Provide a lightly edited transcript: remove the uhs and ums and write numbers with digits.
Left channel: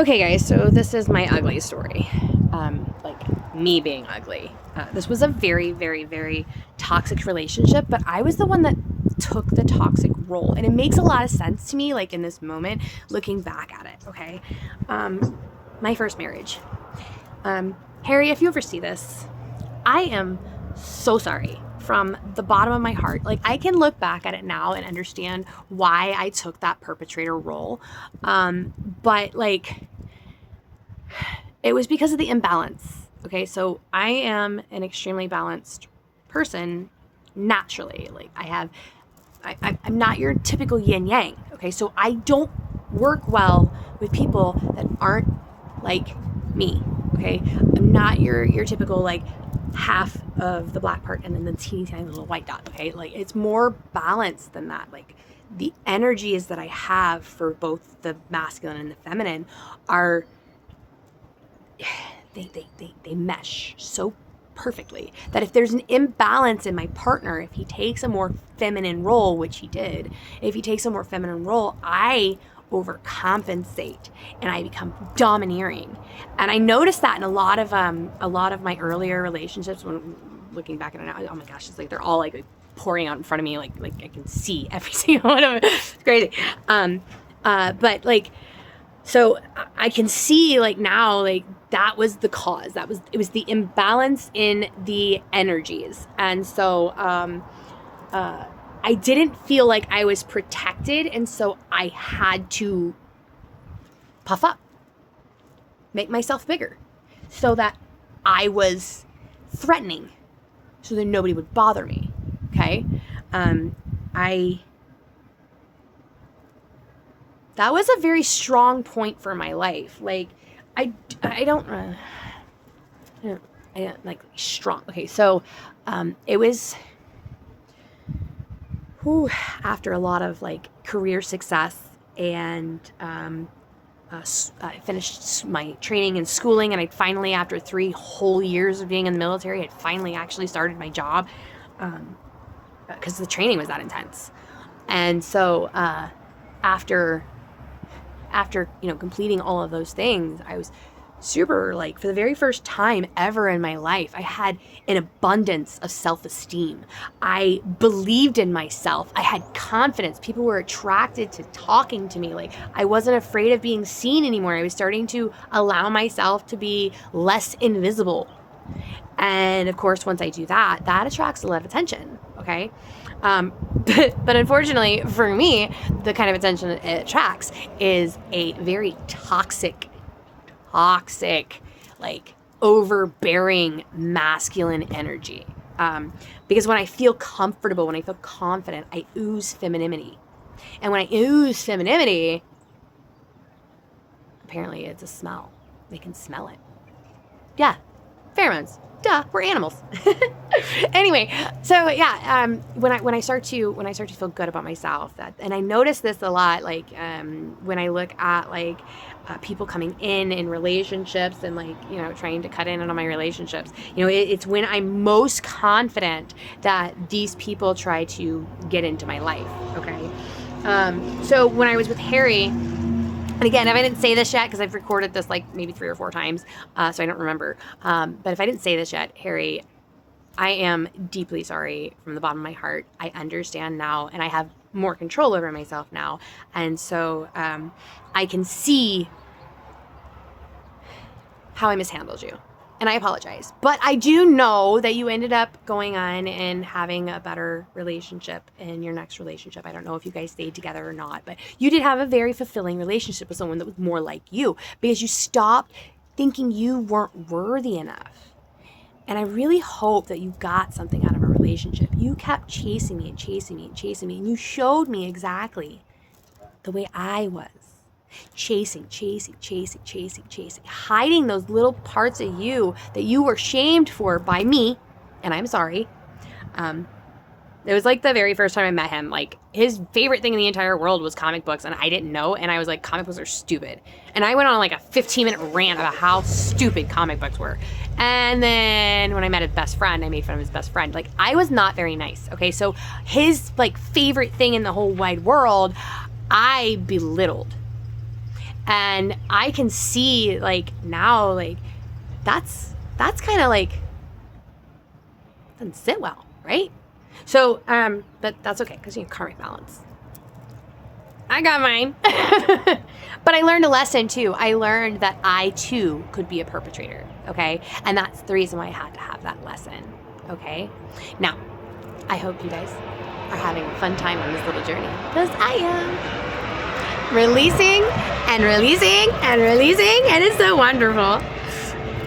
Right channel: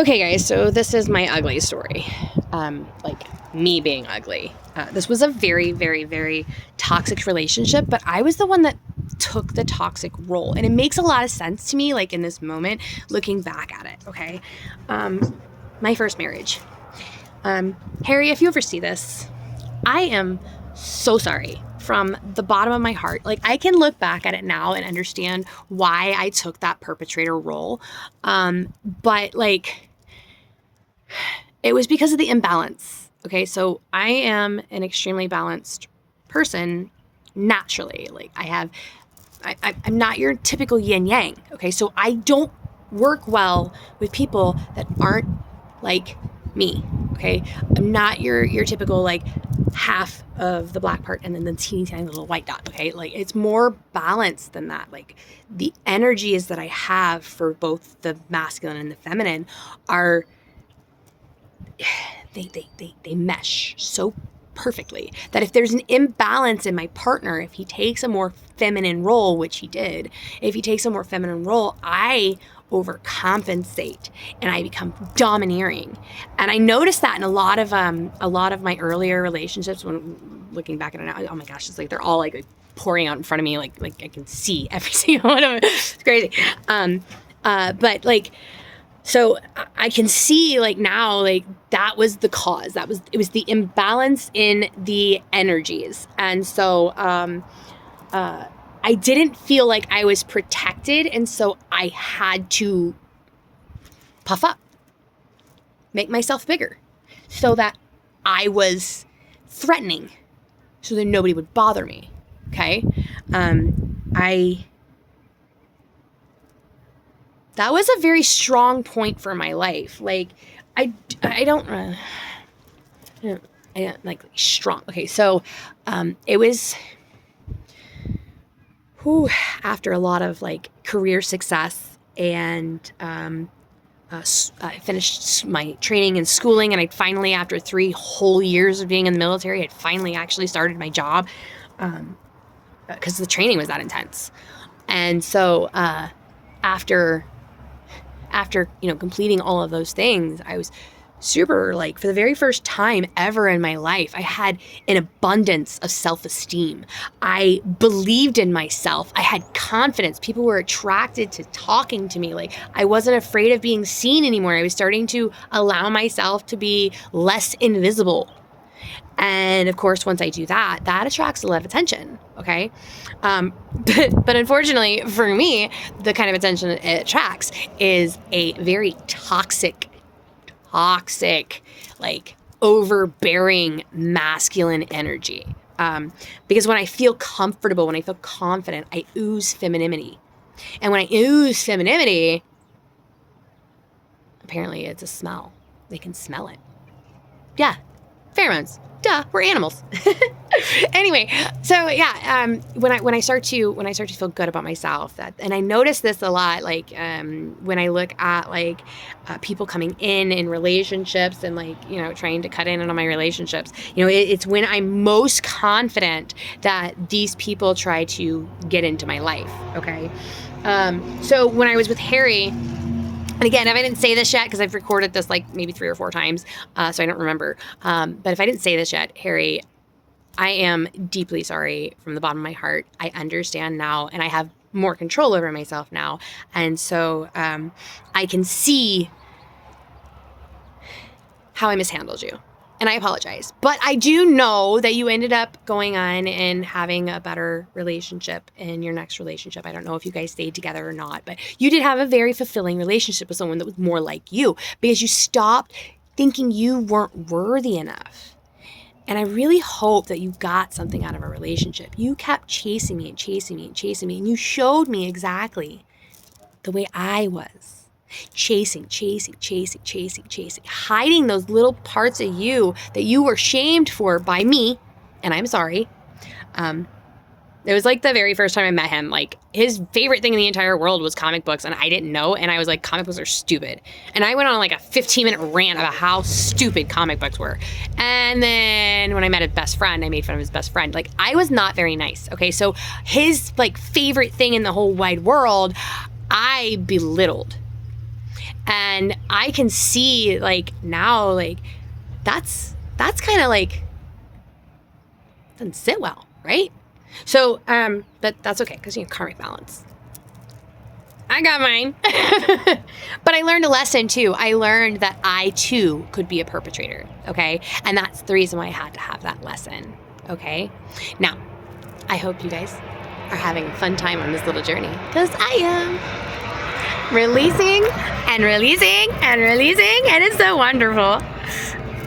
Okay, guys, so this is my ugly story. Like me being ugly. This was a very, very, very toxic relationship, but I was the one that took the toxic role. And it makes a lot of sense to me, like in this moment, looking back at it, okay? My first marriage. Harry, if you ever see this, I am so sorry from the bottom of my heart. Like, I can look back at it now and understand why I took that perpetrator role. But like, it was because of the imbalance. Okay, so I am an extremely balanced person naturally. Like, I'm not your typical yin yang. Okay, so I don't work well with people that aren't like me. Okay, I'm not your typical like half of the black part and then the teeny tiny little white dot. Okay, like it's more balanced than that. Like the energies that I have for both the masculine and the feminine are they mesh so perfectly that if there's an imbalance in my partner, if he takes a more feminine role, which he did, if he takes a more feminine role, I overcompensate and I become domineering. And I noticed that in a lot of my earlier relationships. When looking back at it now, oh my gosh, it's like they're all like pouring out in front of me, like I can see every single one of them. It's crazy. But like, so I can see like now, like that was the cause. It was the imbalance in the energies. And so I didn't feel like I was protected. And so I had to puff up, make myself bigger so that I was threatening so that nobody would bother me. Okay. That was a very strong point for my life. Like, I don't like strong. Okay, so it was after a lot of like career success and I finished my training and schooling, and I finally, after 3 whole years of being in the military, I'd finally actually started my job because the training was that intense. And so after completing all of those things, I was super, like, for the very first time ever in my life, I had an abundance of self-esteem. I believed in myself. I had confidence. People were attracted to talking to me. Like, I wasn't afraid of being seen anymore. I was starting to allow myself to be less invisible. And of course, once I do that, that attracts a lot of attention. Okay. But unfortunately for me, the kind of attention it attracts is a very toxic, like overbearing masculine energy. Because when I feel comfortable, when I feel confident, I ooze femininity. And when I ooze femininity, apparently it's a smell. They can smell it. Yeah. Pheromones. Duh, we're animals. Anyway, so yeah, when I start to feel good about myself, and I notice this a lot, like when I look at like people coming in relationships and like trying to cut in on my relationships, it's when I'm most confident that these people try to get into my life. Okay, so when I was with Harry. And again, if I didn't say this yet, because I've recorded this like maybe 3 or 4 times, so I don't remember. But if I didn't say this yet, Harry, I am deeply sorry from the bottom of my heart. I understand now, and I have more control over myself now. And so I can see how I mishandled you. And I apologize. But I do know that you ended up going on and having a better relationship in your next relationship. I don't know if you guys stayed together or not, but you did have a very fulfilling relationship with someone that was more like you because you stopped thinking you weren't worthy enough. And I really hope that you got something out of a relationship. You kept chasing me and chasing me and chasing me, and you showed me exactly the way I was. Chasing, hiding those little parts of you that you were shamed for by me, and I'm sorry. It was like the very first time I met him, like his favorite thing in the entire world was comic books, and I didn't know, and I was like, comic books are stupid. And I went on like a 15-minute rant about how stupid comic books were. And then when I met his best friend, I made fun of his best friend. Like, I was not very nice, okay? So his like favorite thing in the whole wide world, I belittled. And I can see like now, like that's kind of like doesn't sit well, right? So that's okay because you have karmic balance. I got mine. But I learned a lesson too. I learned that I too could be a perpetrator, okay? And that's the reason why I had to have that lesson, okay? Now, I hope you guys are having a fun time on this little journey because I am releasing and releasing and releasing, and it's so wonderful.